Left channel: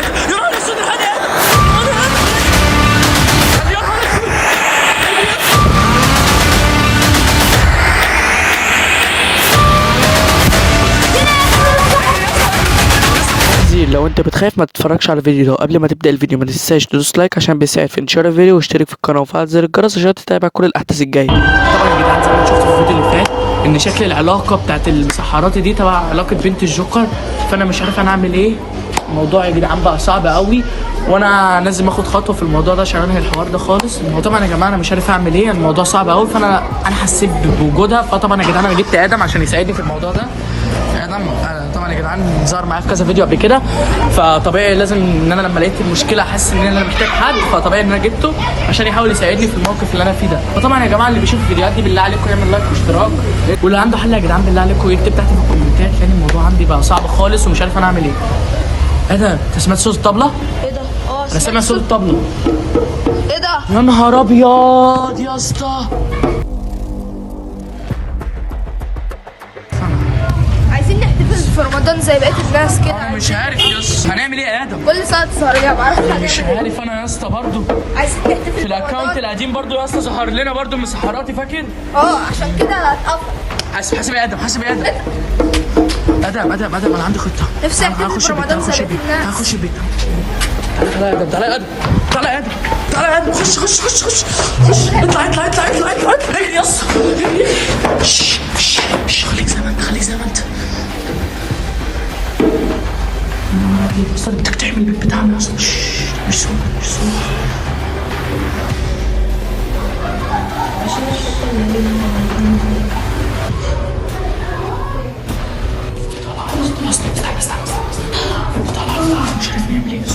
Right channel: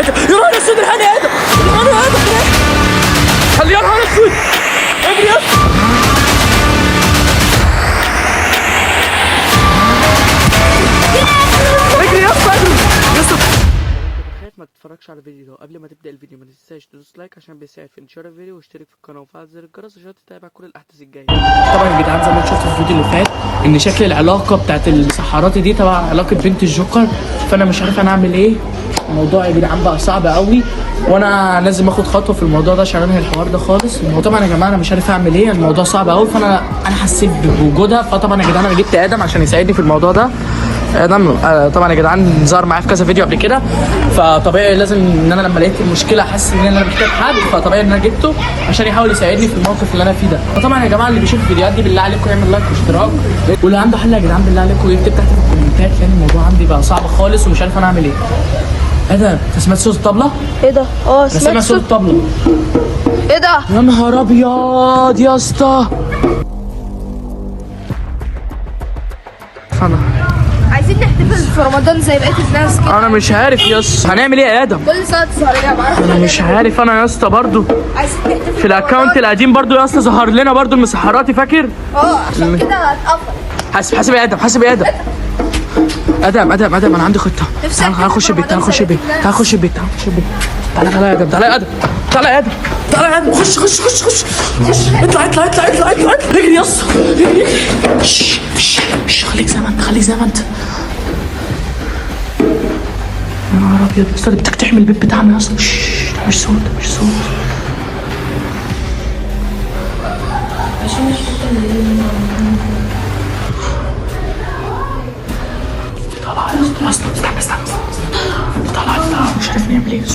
يا نهار اسود الحقني يا ادم، الحقني يا ادم، خليه يا نهار اسود. لو انت بتخاف ما تتفرجش على الفيديو ده. قبل ما تبدا الفيديو ما تنساش تدوس لايك عشان بيساعد في انتشار الفيديو، واشترك في القناه وفعل زر الجرس عشان تتابع كل الاحداث الجايه. طبعا يا جدعان زي ما شفتوا في الفيديو اللي فات ان شكل العلاقه بتاعت المسحرات دي تبع علاقه بنت الجوكر، فانا مش عارف انا اعمل ايه. الموضوع يا جدعان بقى صعب قوي، وانا لازم اخد خطوه في الموضوع ده عشان انهي الحوار ده خالص. طبعا يا جماعه انا مش عارف اعمل ايه، الموضوع صعب قوي، فانا حسيت بوجودها. فطبعا يا جدعان انا جبت ادم عشان يساعدني في الموضوع ده. ادم طبعا يا جدعان ظهر معايا في كذا فيديو قبل كده، فطبيعي لازم ان انا لما لقيت المشكله حاسس ان انا محتاج حد، فطبيعي ان انا جبته عشان يحاول يساعدني في الموقف اللي انا فيه ده. فطبعا يا جماعه اللي بيشوف الفيديوهات دي بالله عليكم يعمل لايك واشتراك، واللي عنده حل يا جدعان بالله عليكم يكتب تحت في الكومنتات، لان الموضوع عندي بقى صعب خالص ومش عارف انا اعمل ايه. ادم انت سمعت صوت الطبله؟ ايه ده؟ انا سامع صوت الطبله. ايه ده؟ يا نهار ابيض يا اسطى. عايزين نحتفل في رمضان زي بقية الناس كده. انا مش عارف يا اسطى هنعمل ايه يا ادم؟ كل سنة تظهر لنا بعرف. انا مش عارف انا يا اسطى برضه. عايزين نحتفل في الاكونت القديم برضه يا اسطى ظهر لنا برضه المسحراتي، فاكر؟ عشان كده انا اتقفل. حاسب يا ادم، حاسب يا ادم. ادم انا عندي خطه. تعال نخش البيت، تعال نخش البيت، تعال نخش البيت، تعال نخش البيت. تعالى يا ادم، تعالى يا ادم، تعالى يا ادم، تعالى يا ادم، خش اطلع اجري يا اسطى. خليك زي ما انت، خليك زي ما انت. يا نهار ابيض يا اسطى بتقتحم البيت بتاعنا يا اسطى. مش صوت. استنى طلع مش عارف نعمل ايه. بس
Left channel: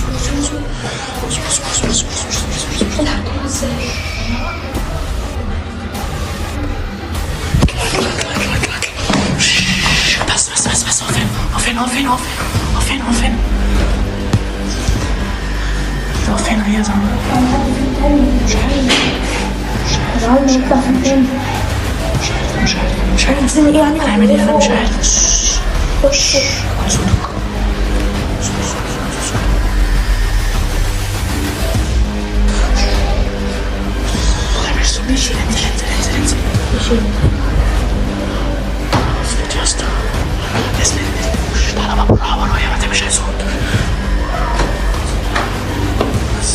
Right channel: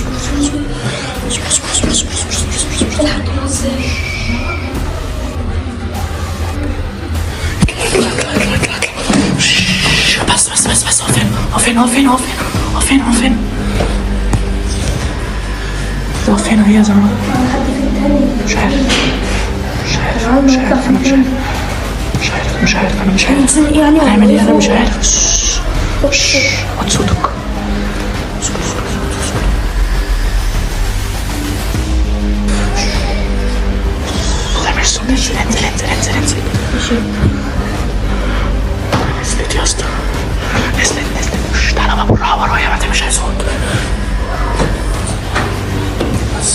هو فين هي زمان. مش عارف هنعمل ايه. انا مش عارف. خد صوتك. انزل. اسلت يا اسطى، اسلت. تعالى بقى بالراحه ورايا ما تعملش صوت. بس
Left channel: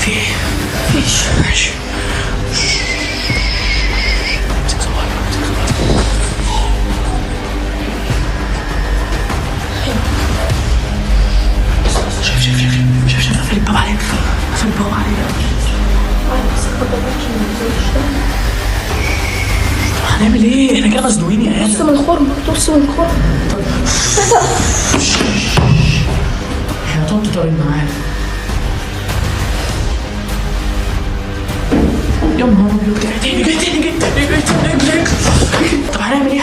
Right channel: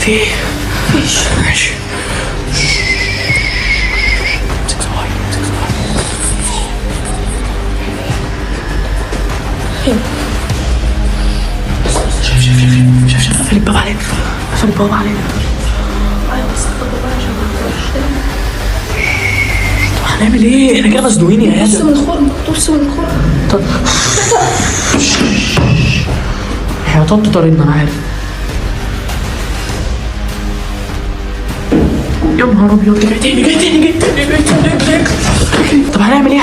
في ماشي. شوف الباب علينا، قفل الباب علينا. هنعمل ايه؟ احنا كده مزنوقين يا ادم. تبص من الخرم. طب احنا هتقعد طريقنا انا عارف. يا نهار ابيض جاي تاني. طب هنعمل ايه؟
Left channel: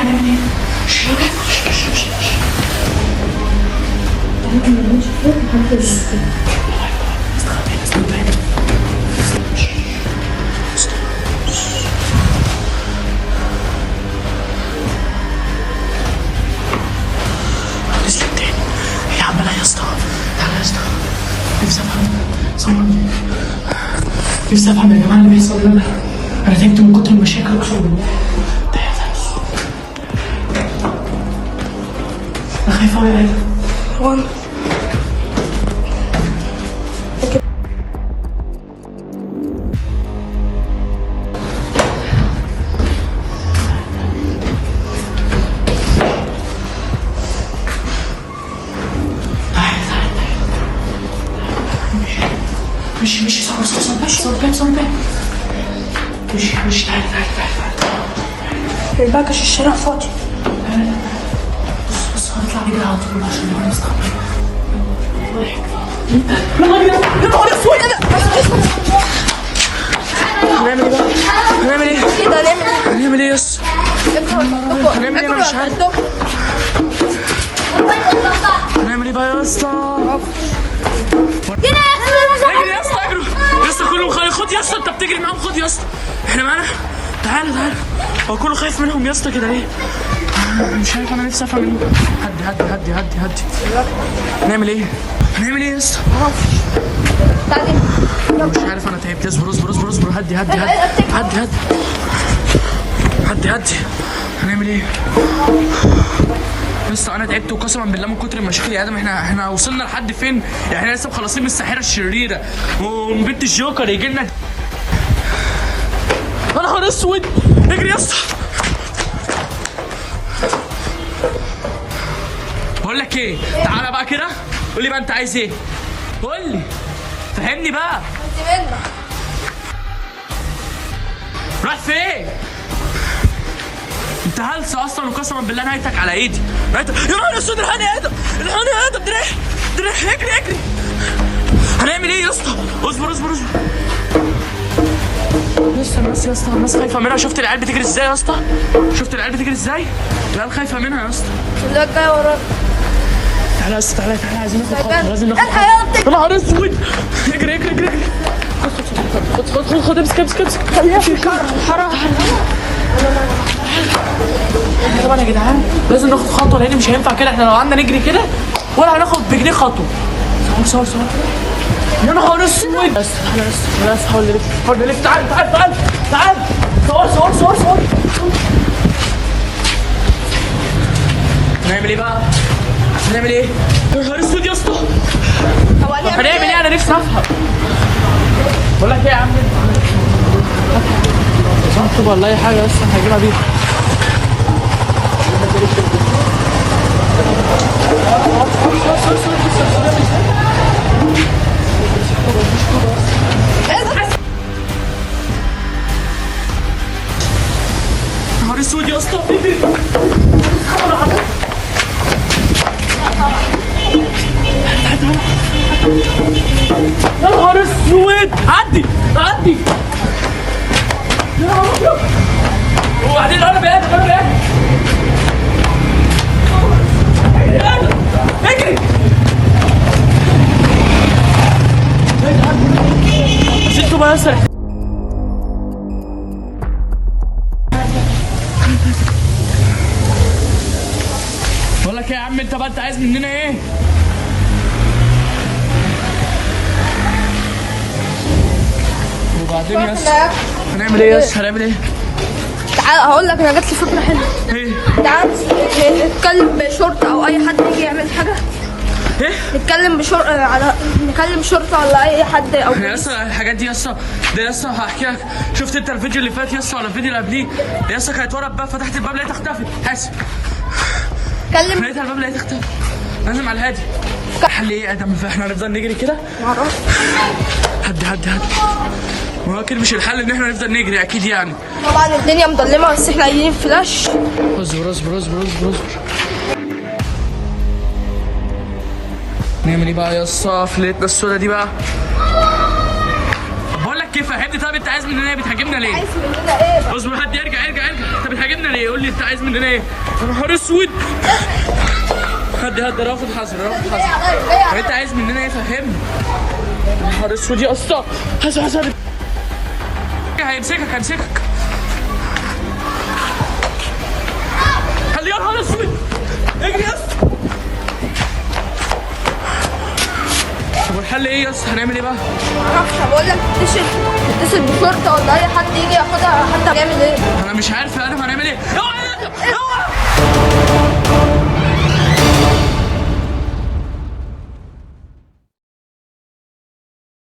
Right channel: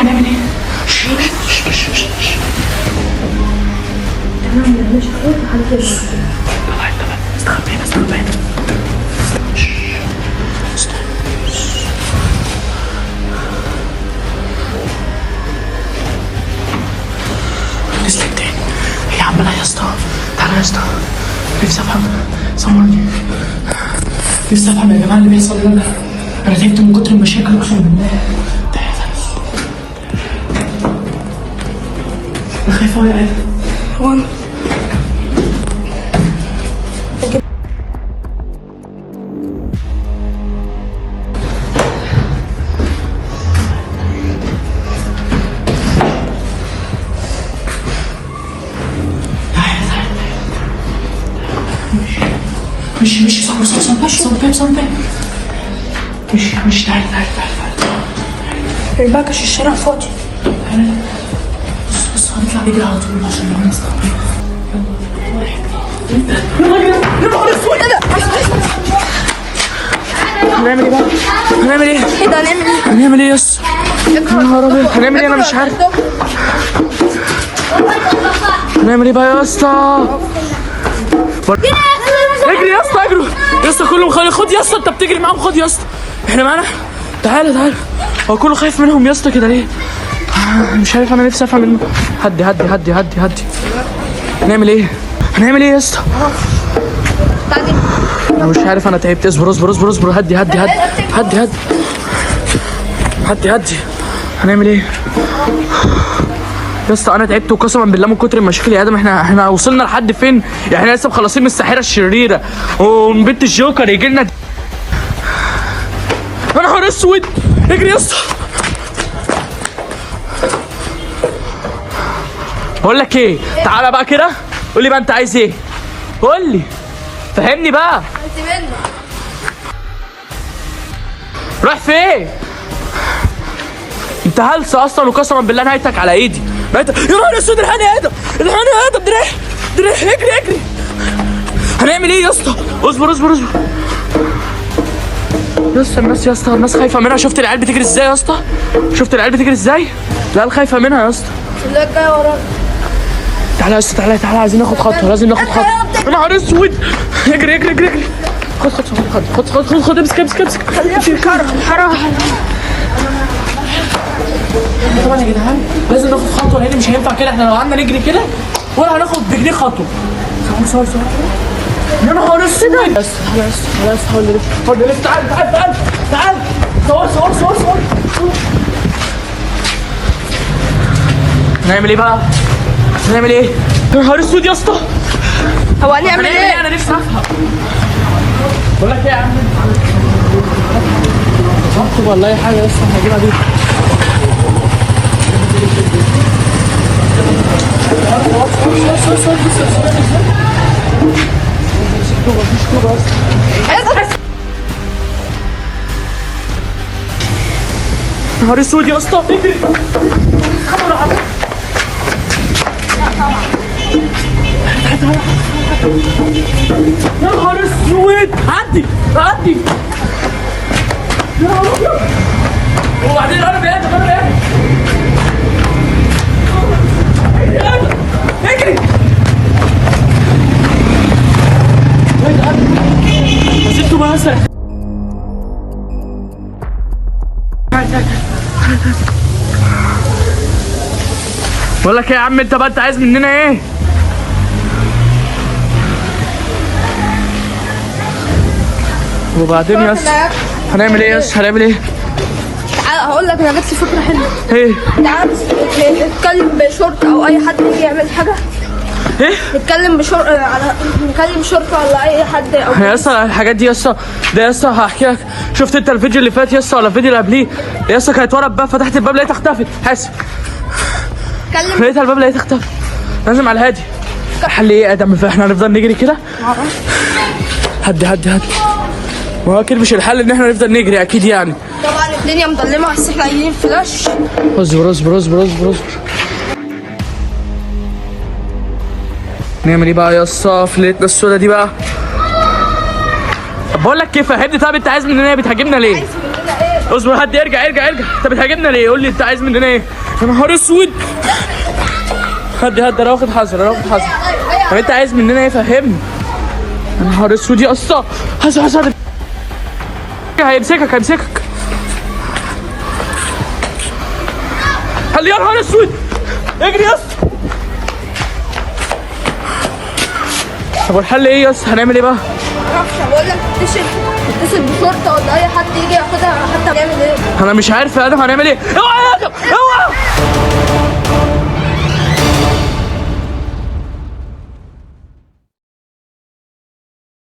استخبي. نزلت تاني. يا عم لا يا اسطى، تعالى يا اسطى. نفسي افهم يا جماعه اللي بيحصل لنا. انا تعبت من كتر المشاكل اقسم بالله. انا خايفه قوي يا ادم. مش صوت. مش تعال. الباكش الشارع فاضي. بص هنطلع نجري على طول عشان نعمل نستقبل. هنعمل ايه يا اسطى؟ يا نهار ابيض هنعمل ايه؟ انا مش عارف هنعمل ايه بقى يا اسطى؟ اجري يا اسطى، اجروا يا اسطى، كلهم خد يا اسطى، انت بتجري معاهم، خد يا اسطى، احنا معانا. تعالى هو كله خايف منهم يا اسطى كده ليه؟ مش عارف، انا نفسي افهم هدي هدي هدي هدي هدي. هنعمل ايه؟ هنعمل ايه يا اسطى؟ انا مش عارف، انا تعبت. اصبر اصبر اصبر اصبر. هدي هدي هدي هدي هدي هدي هدي. هنعمل ايه يا اسطى؟ انا تعبت وقسما بالله من كتر المشاكل يا ادم. احنا وصلنا لحد فين؟ يعني احنا لسه مخلصين من الساحره الشريره ومن بنت الجوكر يجي لنا. يا نهار اسود، اجري يا اسطى. بقول لك ايه، تعالى بقى كده قول لي بقى انت عايز ايه؟ قول لي، فهمني بقى. رايح فين؟ انت هلس اصلا وقسما بالله نهايتك على ايدي. يا نهار اسود، الحقني يا ادم، الحقني يا ادم. دريح اجري اجري. هنعمل ايه يا اسطى؟ اصبر اصبر اصبر يا اسطى. الناس يا اسطى، الناس خايفه منها. شفت العيال بتجري ازاي يا اسطى؟ شفت العيال بتجري ازاي؟ العيال خايفه منها يا اسطى. اللي جاي ورانا. تعالى يا اسطى، تعالى تعالى، عايزين ناخد خطوه، لازم ناخد خطوه. يا نهار اسود، اجري اجري اجري اجري. خد امسك امسك امسك. طبعا يا جدعان لازم ناخد خطوه، لان مش هينفع كده. احنا لو قعدنا نجري كده ولا هناخد بجنيه خطوه. صور يا نهار اسود. تعالى يا اسطى، تعالى يا اسطى، تعالى يا اسطى. حاول نلف. تعال تعال تعال تعال. صور. نعمل ايه بقى؟ نعمل ايه؟ يا نهار اسود يا اسطى. هو هنعمل ايه؟ انا نفسي افهم. بقول لك ايه يا عم؟ اكتب ولا اي حاجه يا اسطى، هجيبها بيها. نهار اسود يا اسطى. يا نهار اسود. عدي يا نهار ابيض. وبعدين قرب يا ادم، اجري يا جدعان. بس انتوا بقى اسرع. بقول لك ايه يا عم، انت بقى انت عايز مننا ايه؟ وبعدين يا اسطى هنعمل ايه يا اسطى؟ هنعمل ايه؟ تعال هقول لك، انا جت فكره حلوه. ايه؟ تعال نتكلم بشرطه او اي حد يجي يعمل حاجه. ايه؟ نكلم شرطه ولا اي حد او يا اسطى الحاجات دي يا اسطى، ده يا اسطى هحكي لك. شفت انت الفيديو اللي فات يا اسطى ولا الفيديو اللي قبليه؟ يا اسطى كانت ورا الباب، فتحت الباب لقيتها اختفت. حاسب، لقيتها الباب لقيتها اختفت. لازم على الهادي. الحل ايه يا ادم؟ احنا هنفضل نجري كده؟ معرفش. هدي ما هو اكيد مش الحل ان احنا نفضل نجري اكيد يعني. طبعا الدنيا مظلمه بس احنا عايزين فلاش. اصبر. نعمل ايه بقى يا اسطى في ليلتنا السودا دي بقى؟ طب بقول لك ايه، فهمني. طب انت عايز مننا ايه؟ بتهاجمنا ليه؟ عايز مننا ايه؟ اصبر، هدي ارجع. انت بتهاجمنا ليه؟ قول لي انت عايز مننا ايه؟ يا نهار اسود. هدي انا واخد حذر. طب انت عايز مننا ايه؟ فهمني. يا نهار اسود يا اسطى. حذر. هيمسكك. هل يا نهار اسود. اجري يا اسطى. طب والحل ايه يا اسطى؟ هنعمل ايه بقى؟ معرفش. بقول لك اتصل بشرطه ولا اي حد يجي ياخدها، حتى هنعمل ايه؟ انا مش عارف يا ادم هنعمل ايه. اوعى يا ادم، اوعى.